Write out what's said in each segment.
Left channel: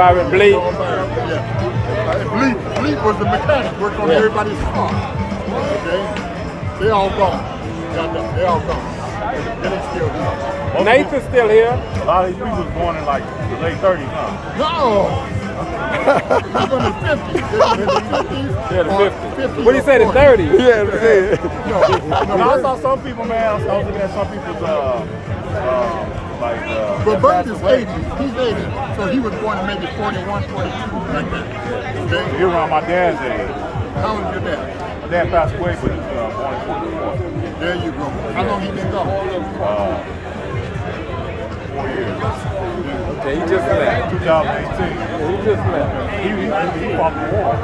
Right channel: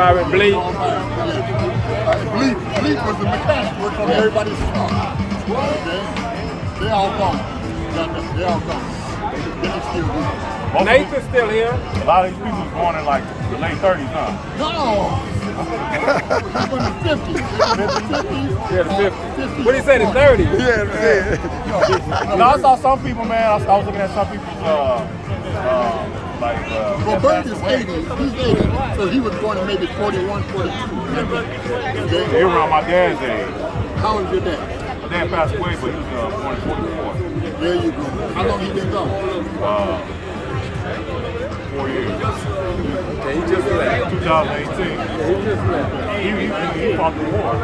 Bleep. Bleep was the mechanic working on everybody's car. Okay? They all gone. They all gone. They don't still here. Nathan's still here. A lot of these people was born in like the late 30s, huh? No! He's in the 50s. Yeah, the 50s. What did he say, the 30s? No, I saw some people, man. I was looking at some people's, But Bert is 80. He's 80. So he was born in maybe 41, 42. You're around my dad's age. How old is your dad? My dad passed away, but he was born in 44. There you go. How long he been gone? 4 years. He just left. 2018. He fought the war.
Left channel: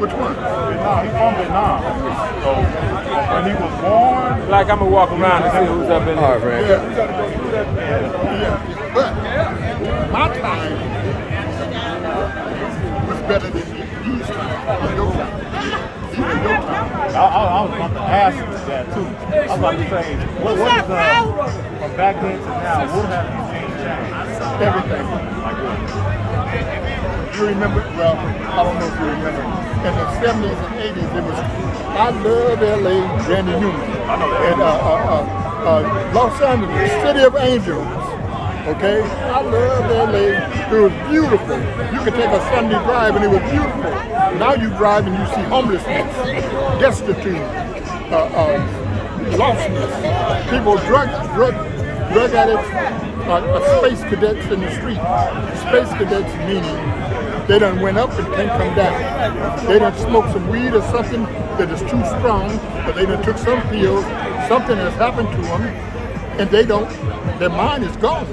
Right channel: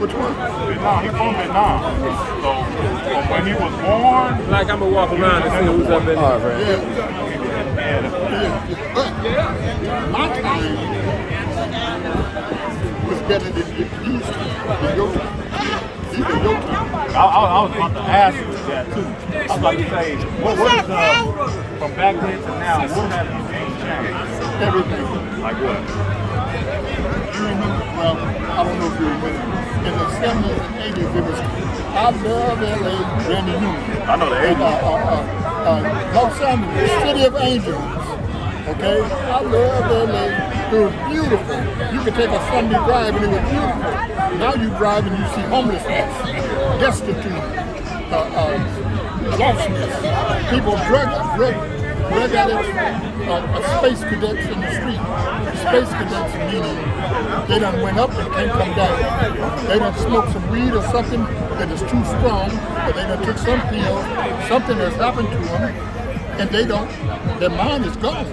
Which one? Vietnam. He from Vietnam. So when he was born, Like I'm gonna walk around and see who's up in there. Yeah. But my time was better than these times. Even your time. I was about to ask you that too. I was about to say, what is from back then to now? What have you seen change? Everything. Like what? You remember? Well, I don't know if you remember. In the 70s and 80s, it was I Love LA, Randy Newman. I know the And Los Angeles, City of Angels. Okay? I love LA. It was beautiful. You could take a Sunday drive and it was beautiful. Now you drive and you see homelessness, destitute, lostness, people, drug addicts, space cadets in the street. Space cadets meaning they done went up and can't come down. They done smoked some weed or something that is too strong, or they done took some pills, something has happened to them, and their mind is gone.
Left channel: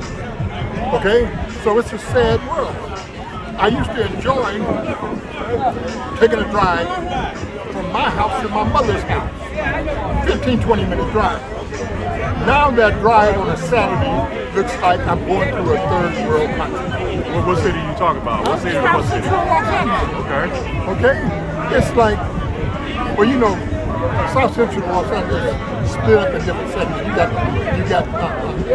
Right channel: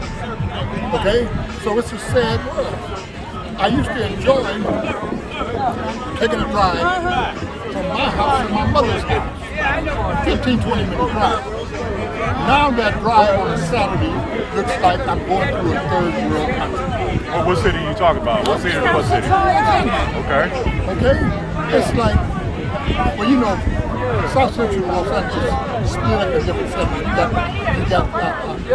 Okay? So it's a sad world. I used to enjoy taking a drive from my house to my mother's house. 15, 20-minute drive. Now that drive on a Saturday looks like I'm going to a third world country. What city are you talking about? What city to what city? Okay. Okay? It's like, well, you know, South Central Los Angeles split up in different segments. You got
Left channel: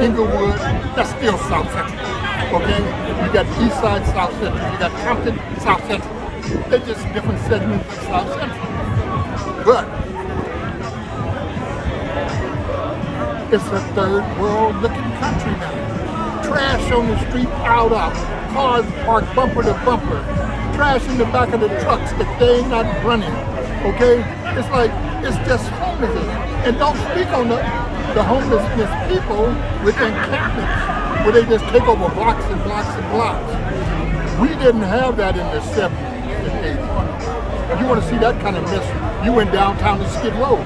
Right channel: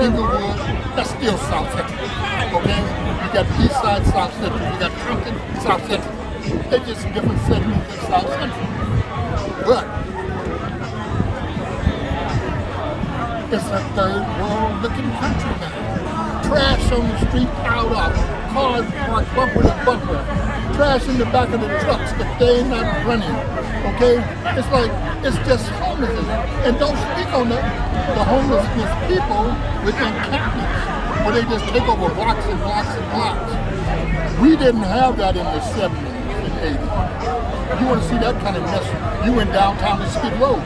Inglewood, that's still South Central. Okay? You got the East Side, South Central. You got Compton, South Central. They're just different segments of South Central. But it's a third world looking country now. Trash on the street piled up. Cars parked bumper to bumper. Trash in the back of the trucks that they're not running. Okay? It's like, it's just homelessness. And don't speak on the homelessness people within encampments where they just take over blocks and blocks and blocks. We didn't have that in the 70s and 80s. You want to see that kind of mess, you went downtown to Skid Row.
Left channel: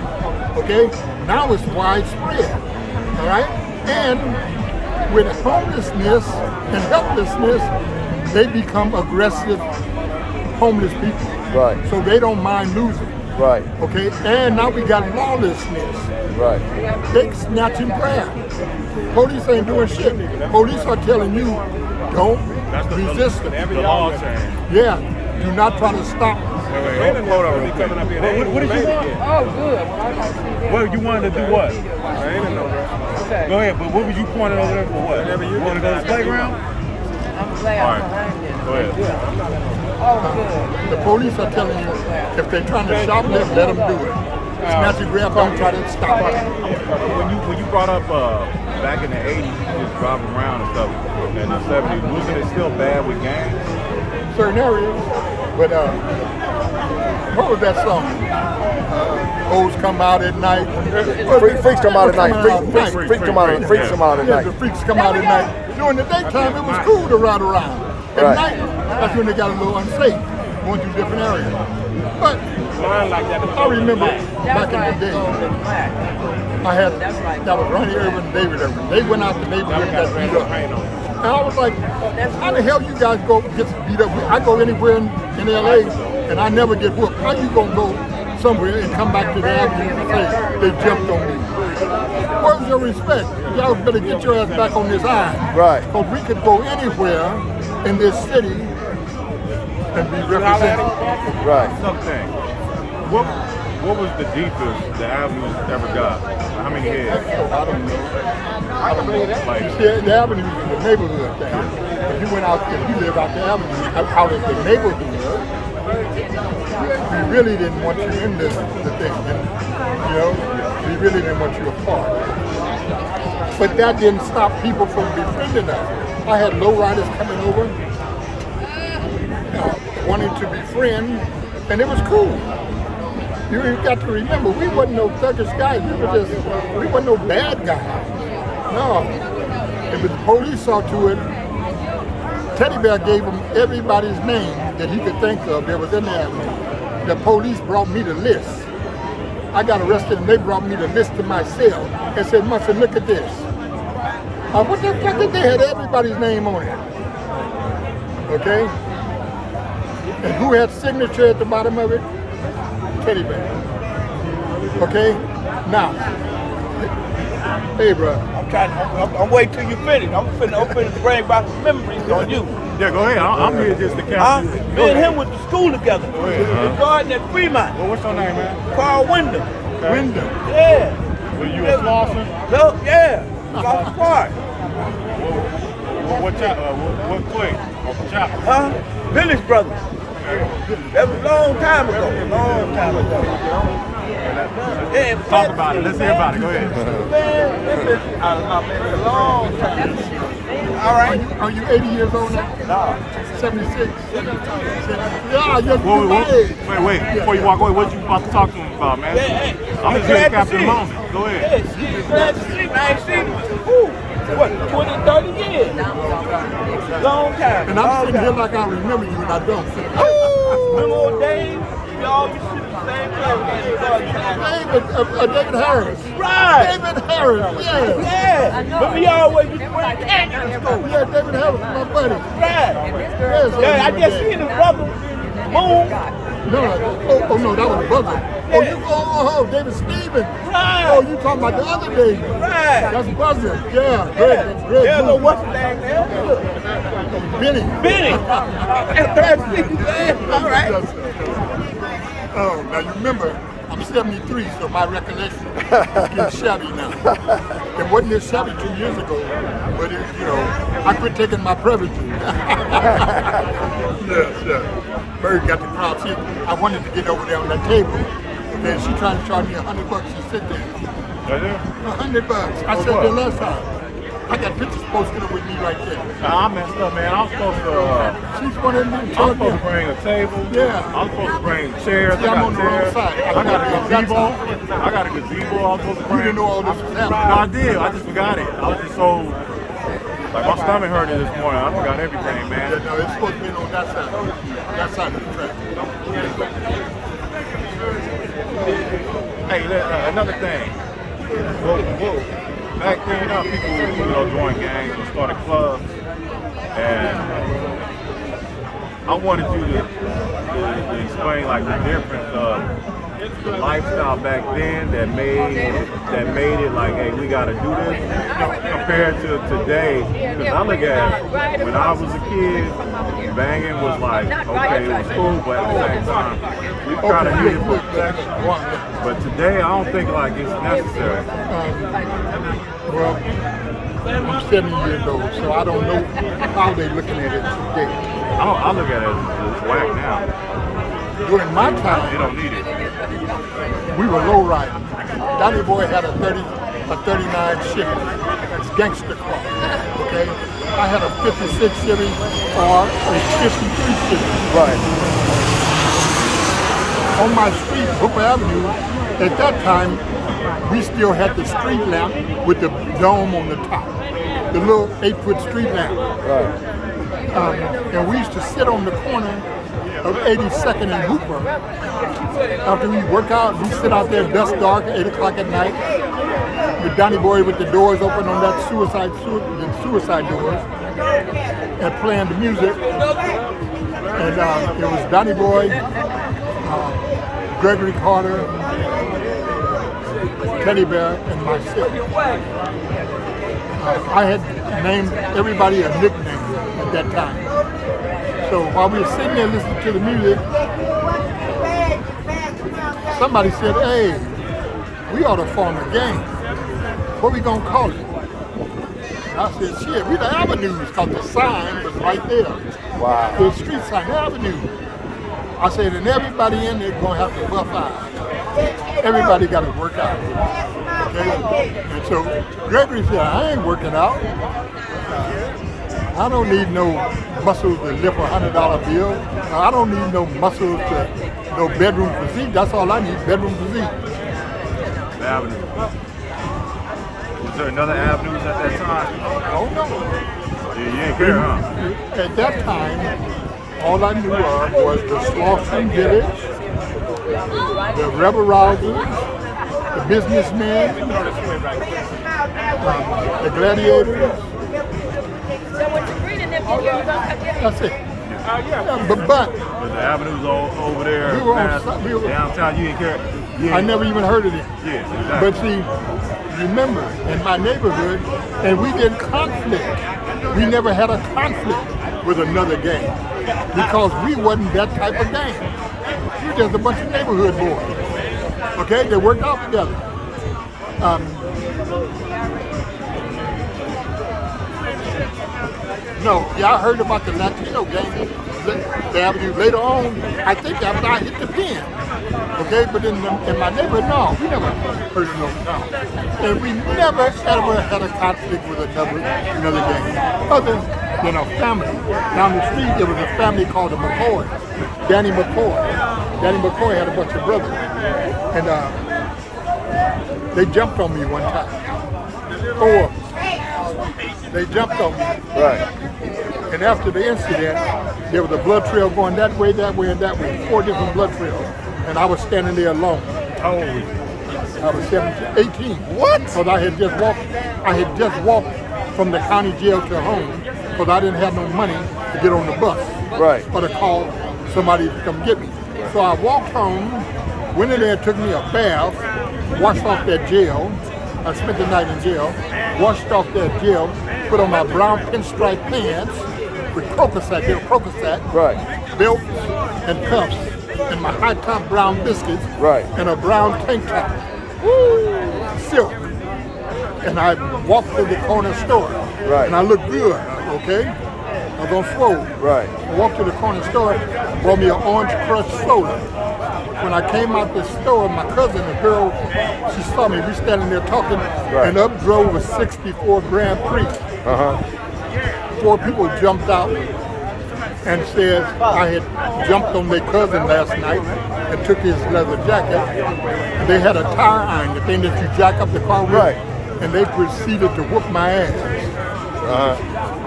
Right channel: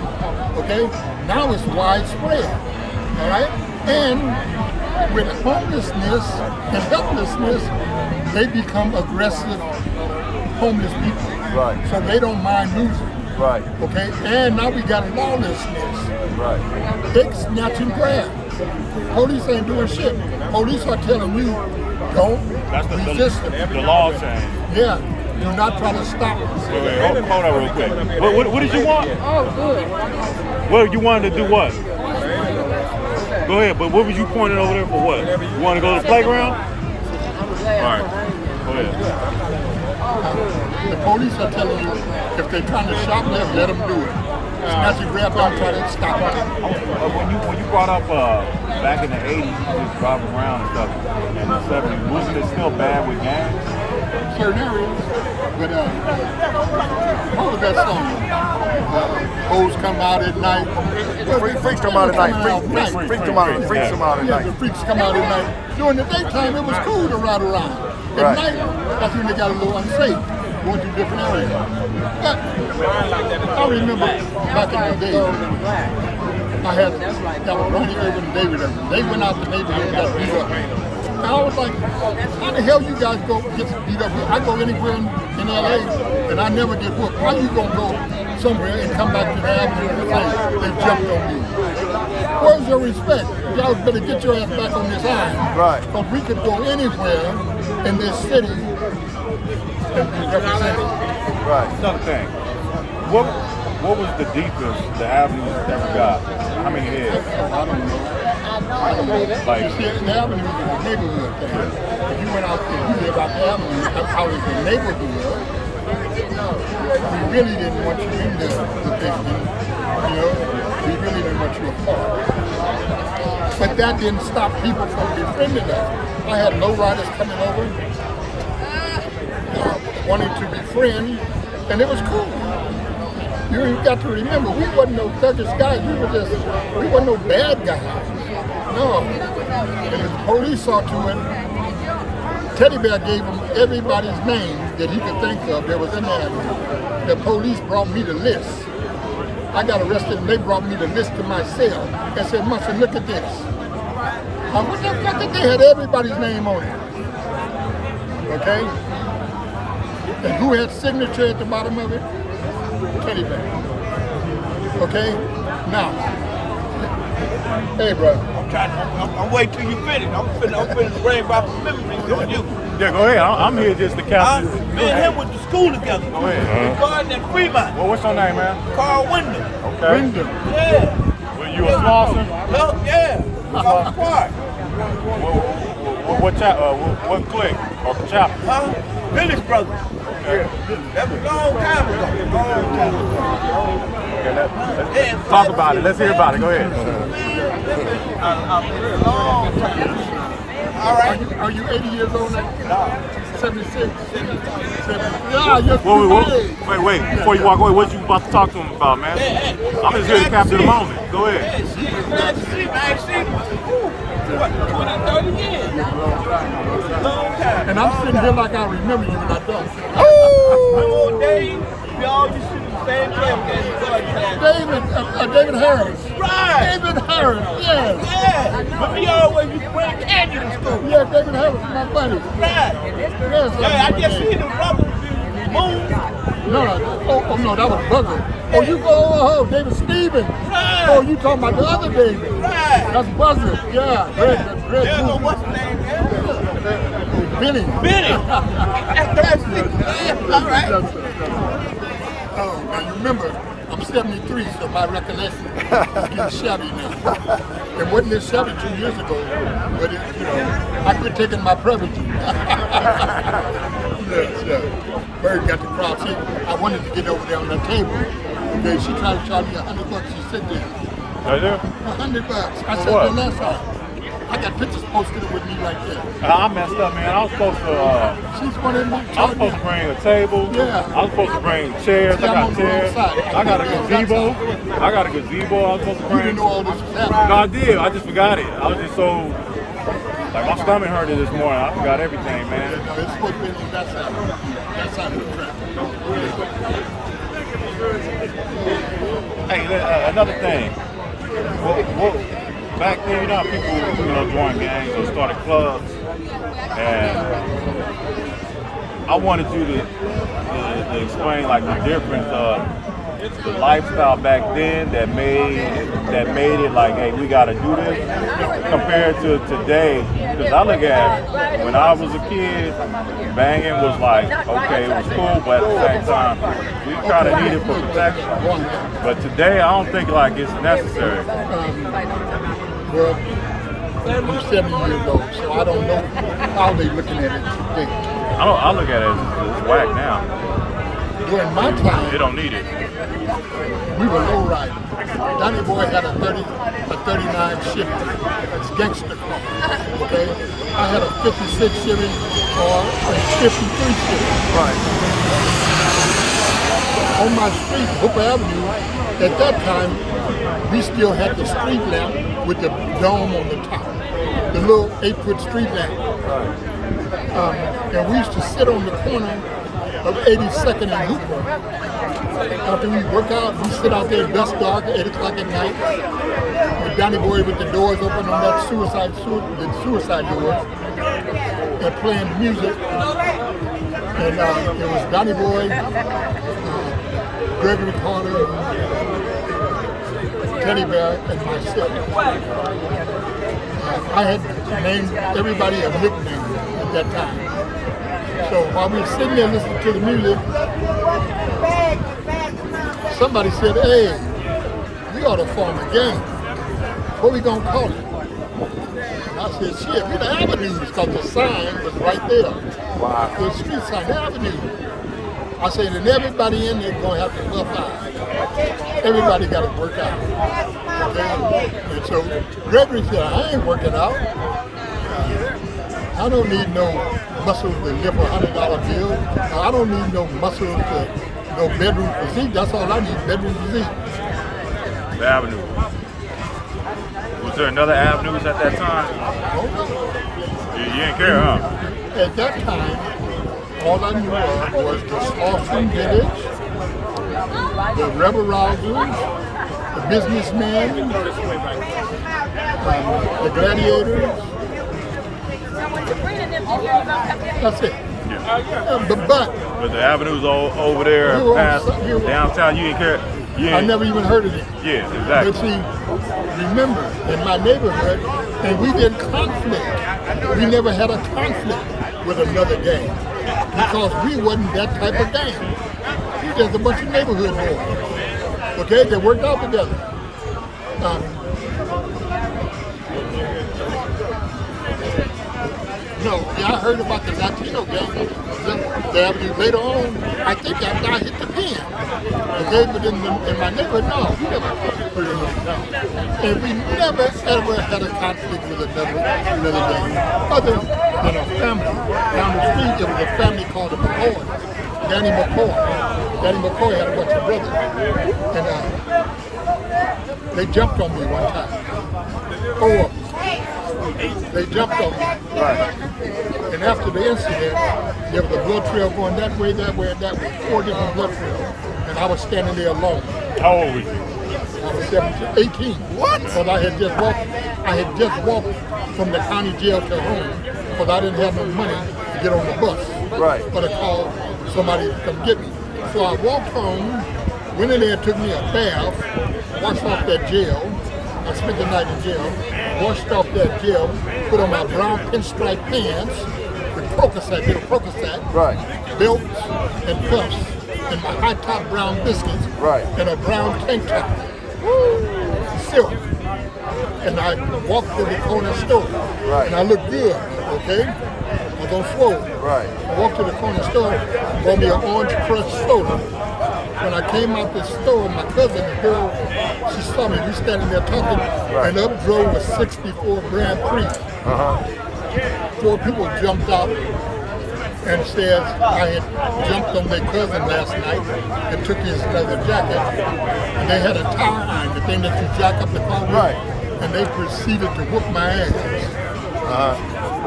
Okay? Now it's widespread. All right? And with homelessness and helplessness, they become aggressive homeless people. Right. So they don't mind losing. Right. Okay? And now we got lawlessness. Right. They snatch and grab. Police ain't doing shit. Police are telling you, don't resist them. The law change. Yeah. Do not try to stop us. Wait, hold on real quick. What did you want? Oh, good. What you wanted to do what? Go ahead, but what was you pointing over there for what? You want to go to the playground? All right, go ahead. The police are telling you, if they're trying to shoplift, let them do it. Snatch and grab, don't try to stop them. When you brought up back in the 80s, you just driving around and stuff, in the 70s, wasn't it still bad with gangs? Certain areas, but what was that song? Hoes come out at night. Freaks come out at night. Freaks come out at Yeah, night. the freaks come out at night. During the daytime, it was cool to ride around. At Right. night, that's when they got a little unsafe, going to different areas. But I remember back in the day, that was right here in David. They went out the neighborhood and got beat up. And I was like, how the hell you guys go get beat up? I go anywhere in LA and I never get whooped. How you gonna go somewhere and come back to the avenue and say they jumped on me? Where's your respect? Y'all better get your ass back on this line. Right. Because we could go anywhere in this city and be represented. Right. Another thing, what was the deepest the avenues ever got? How many heads? I don't know. Like, Yeah, the avenue is a neighborhood thing. he went out and he lived out the avenue, out in the neighborhood. He really didn't want you in there, the thing, you know? He really didn't want you apart. But that didn't stop people from befriending us. I had lowriders coming over, wanting to befriend, and it was cool. You got to remember, we wasn't no thuggish guys. We wasn't no bad guys. No. And the police saw to it, Teddy Bear gave him everybody's name that he could think of that was in there. The police brought me the list. I got arrested and they brought me the list to my cell and said, Monson, look at this. What the fuck? They had everybody's name on it. Okay? And who had signature at the bottom of it? Teddy Bear. Okay? Now, hey, brother. I'm waiting till you finish. I'm finna bring back some memories on you. Yeah, go ahead. I'm here just to capture. Me and him went to school together. Go ahead. Garden at Fremont. Well, what's your name, man? Carl Wyndham. Okay. Wyndham. Yeah. Were you a Slauson? Yeah. I was smart. What clique? Or chapter? Huh? Village Brothers. That was a long time ago. Yeah, Talk about it. Let's hear about it. Go ahead. Man, a long time. All right. Are you 80 years old now? No. 76? 70. Yeah, you're my age. Wait. Before you walk away, what you about to talk to him about, man? I'm just here to capture the moment. Go ahead. Glad to see. I ain't seen what, 20, 30 years? Long time. And I'm sitting here like I remember you and I don't. Remember old Dave? We all be sitting in the same place. David Harris. Right. David Harris, yeah. Yeah. But we always used to wear cats in school. Yeah, David Harris is my buddy. Right. Yes, Yeah, I just seen his brother move. No, no, that was Buzzer. Oh, you go, David Stevens. Right. Oh, you talking about the other David. Right. That's Buzzer. Yeah, great, that's great. Yeah, but what's his name now? Benny. Benny. All right. Yes, sir. Oh, now you remember, I'm 73, so my recollection is getting shabby now. It wasn't this shabby 2 years ago, but you know, I quit taking my Prevagen. Yes. Bird got the crowd. I wanted to get over there on that table, and then she tried to charge me $100. She said, I do? $100. I said, what? the last time. I got pictures posted up with me right there. I messed up, man. I was supposed to. She's wanted me to I was supposed to bring a table. Yeah. I was supposed to bring chairs. I See, I'm got on the chairs. wrong side. I got a gazebo. I got a gazebo I was supposed to You bring. didn't know all this was No, happening. I did. I just forgot it. I was just so. Like, my stomach hurted this morning. I forgot everything, man. No, it's supposed to be on that side. That side of the track. Hey, another thing. Back then, you know, people, joined gangs or started clubs, and I wanted you to explain like the difference of the lifestyle back then that made it like, hey, we got to do this, compared to today. Because I look at when I was a kid, banging was like, okay, it was cool, but at the same time, we kind of need it for protection. But today, I don't think like it's necessary. Well, I'm 70 years old, so I don't know how they're looking at it today. I look at it as it's whack now. During my time, They don't need it. we were low riding. Donnie Boy had a 39 Chevy. That's gangster car. Okay? I had a 56 Chevy or a 53 Chevy. Right. On my street, Hooper Avenue, at that time, we still had the street lamp with the dome on the top. The little 8-foot street lamp. And we used to sit on the corner of 82nd and Hooper. After we work out, we sit out there dust dark at 8 o'clock at night. With Donnie Boy with the doors open on that suicide doors and playing the music. And it was Donnie Boy, Gregory Carter, Teddy Bear, and myself. I had named everybody a nickname at that time. So while we were sitting there listening to the music, somebody said, hey, we ought to form a gang. What are we going to call it? I said, shit, we the avenues, because the sign was right there. Wow. The street sign, avenue. I said, and everybody in there going to have to buff out. Everybody got to work out. Okay? And so Gregory said, I ain't working out. I don't need no muscles to lift a $100 bill. I don't need no muscles to, no bedroom physique. That's all I need, bedroom physique. The Avenue. Was there another Avenues at that time? Oh, no. You didn't care, huh? At that time, all I knew of was the Slauson Village, the Rebel Rousers, the Businessmen, the Gladiators. That's it. Yeah. But But the Avenues over there, We were past we were- downtown, you didn't care? You I didn't- never even heard of it. Yeah, But exactly. see, remember, in my neighborhood, and we didn't conflict. We never had a conflict with another gang because we wasn't that type of gang. There's a bunch of neighborhood boys, okay, that worked out together. No, yeah, I heard about the Latino gang. The Avenue later on, I think after I hit the pen. Okay, but in my neighborhood, no, we never heard of no. And we never ever had a conflict with another gang. Other than a family. Down the street, there was a family called the McCoy. Danny McCoy. Danny McCoy had a bunch of brothers. And they jumped on me one time. Oh, they jumped on me. Right. And after the incident, there was a blood trail going that way, and that way, 4 different blood trails. And I was standing there alone. How old were you? I was 17, 18. What? Because I had just walked from the county jail to home because I didn't have no money to get on the bus. Right. Or to call somebody to come get me. So I walked home, went in there, took me a bath, washed off that gel. I spent the night in jail, washed off that gel, put on my brown pinstripe pants with Crocosat, Right. belt and cuffs, and my high top brown biscuits, Right. and a brown tank top. Woo! Silk. And I walked to the corner store. Right. And I looked good, okay? I was on swole. Right. I walked to the corner store, bought me an orange crush soda. When I came out the store, my cousin, a girl, she saw me, we standing there talking, and up drove a 64 Grand Prix. Uh-huh. 4 people jumped out and says I had jumped on their cousin last night and took his leather jacket. And they had a tire iron, the thing that you jack up the car with, Right. and they proceeded to whoop my ass. Uh-huh.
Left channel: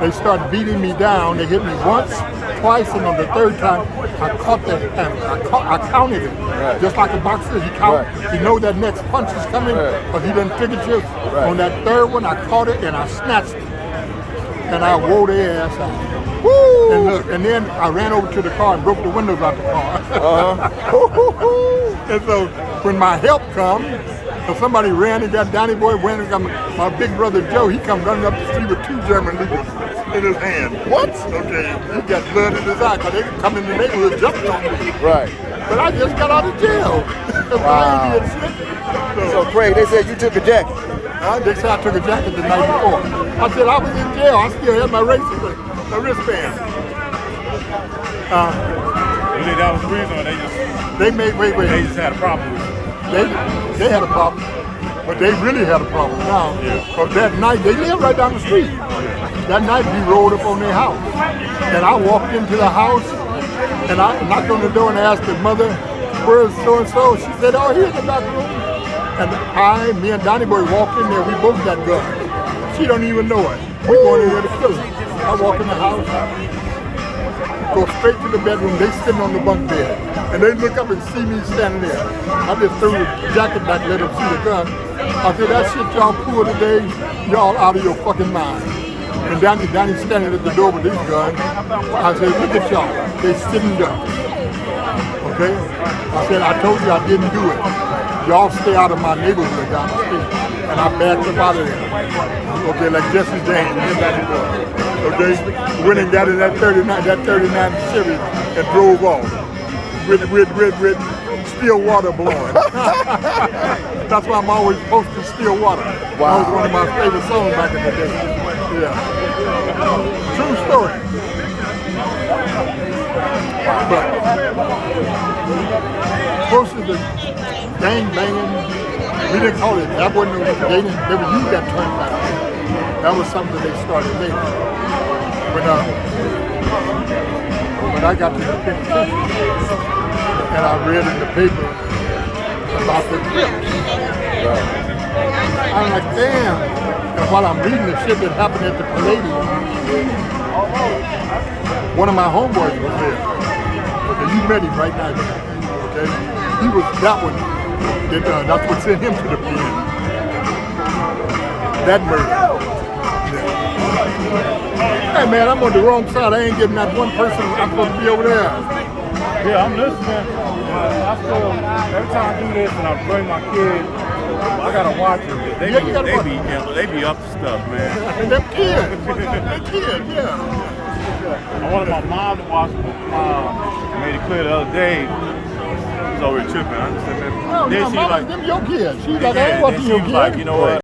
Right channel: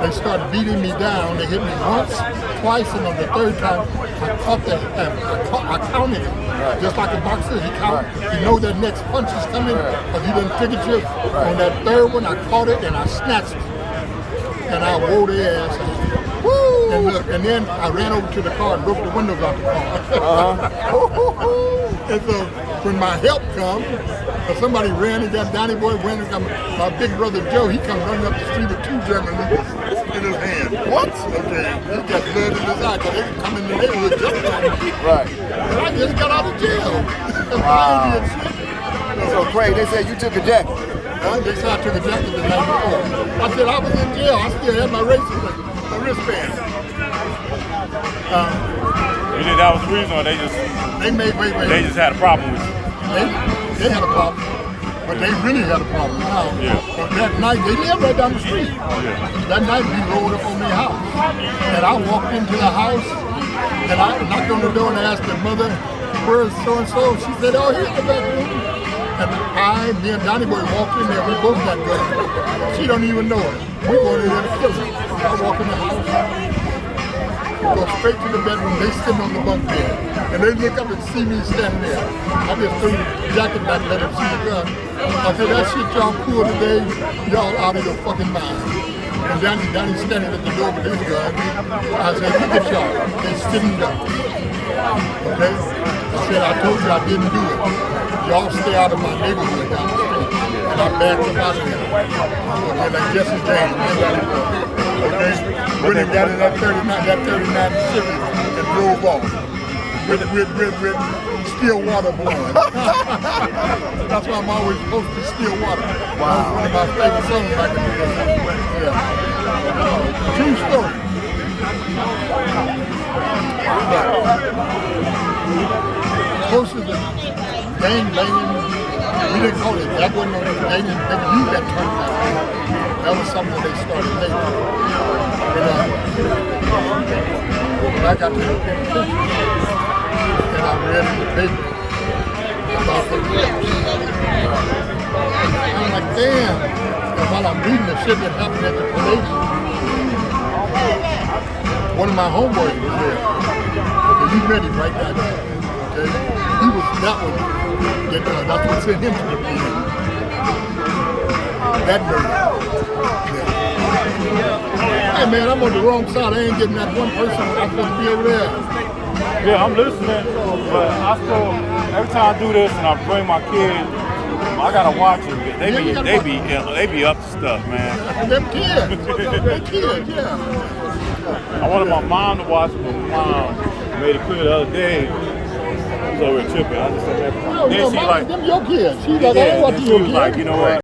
They started beating me down. They hit me once, twice, and on the third time, I counted him. Right. Just like a boxer, he count. Right. You know that next punch is coming, but he didn't figure it. Right. On that third one, I caught it and I snatched it, and I wore their ass out. Woo! And look, and then I ran over to the car and broke the windows out the car. And so when my help come, so somebody ran and got Donnie Boy, ran and got my big brother Joe. He come running up the street with 2 German leaders in his hand. What? Okay, he got blood in his eye because they come in the neighborhood jumping on me. Right. But I just got out of jail. Wow. So Craig, they said you took a jacket. They said I took a jacket the night before. I said I was in jail. I still had my wristband. You think that was the reason, or they just had a problem with you? They had a problem, but they really had a problem now. Yeah. But that night, they lived right down the street. That night, we rolled up on their house. And I walked into the house, and I knocked on the door and asked the mother, where's so-and-so? She said, oh, here's the back room. And me and Donnie Boy walked in there, we both got guns. She don't even know it. We going in there to kill her. I walk in the house, go straight to the bedroom, they sitting on the bunk bed. And they look up and see me standing there. I just threw the jacket back, let them see the gun. I said, that shit y'all pulled today, y'all out of your fucking mind. And Donnie's standing at the door with his gun. I said, look at y'all, they sitting up. Okay? I said, I told you I didn't do it. Y'all stay out of my neighborhood down the street. And I backed them out of there. Okay, like Jesse James, okay? Went and got in that 39 Chevy and drove off. With still water blowing. That's why I'm always posting still water. Wow. That was one of my favorite songs back in the day. Yeah. True story. But close to the gang banging, we didn't call it, that wasn't no, they didn't never use that term back then. That was something that they started later. When I got to the penitentiary and I read in the paper about the clips, I'm like, damn. And while I'm reading the shit that happened at the Palladium, one of my homeboys was there. And you met him right now. Okay? He was that one. That's what sent him to the police. That murder. Yeah. Hey man, I'm on the wrong side. I ain't getting that one person. I'm supposed to be over there. Yeah, I'm listening, but I still, every time I do this and I bring my kids, I gotta watch them because they be up to stuff, man. They're kids. They're kids, yeah. I wanted my mom to watch it, but my mom made it clear the other day. She was over here tripping. I just said, man, Then she like, them your kids. She like, I ain't watching your kids. Like, you know what?